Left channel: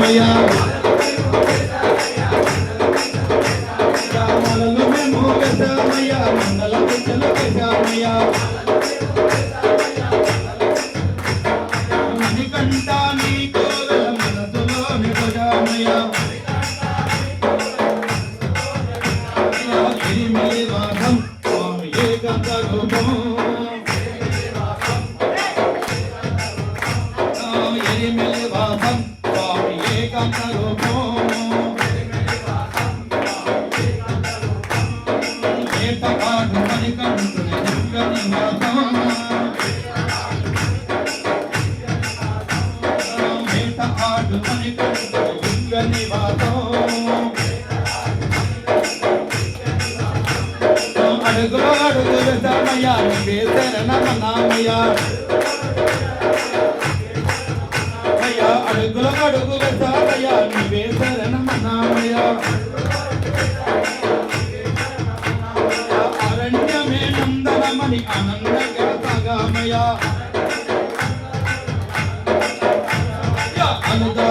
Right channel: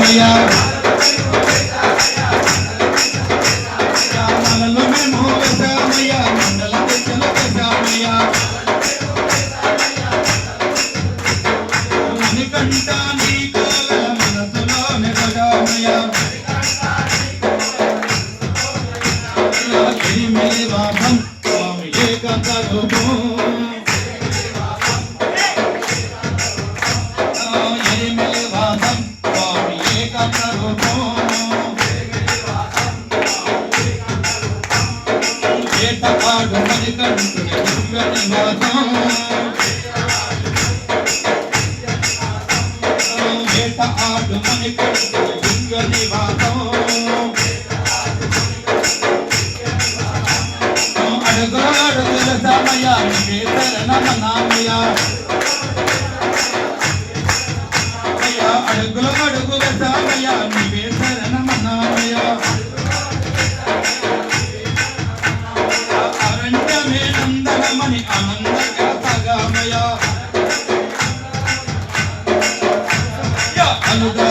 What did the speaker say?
వేసామయ్యా గ్రామాలలో మేము వేసామయ్యా మండల పెద్దలు వేసామయ్యా మణికంఠ నీకు మనసులో మెదగామయ్యా ఎరిమెలి వాసం స్వామి ఏకాంత రూపం ఎరిమెలి వాసం స్వామి ఏకాంత రూపం ఏటపాడు మణికంఠుని దుర్గ నివాసం ఏటపాడు మణికంఠుని దుర్గ నివాసం అడుగు సమయా నీవే శరణమనామయ్యా అడుగులు అడుగు సమయా నీవే శరణమనామయ్యా అరణ్యమే నందనమని ఆనందంగా సాగామయ్యా అనుదా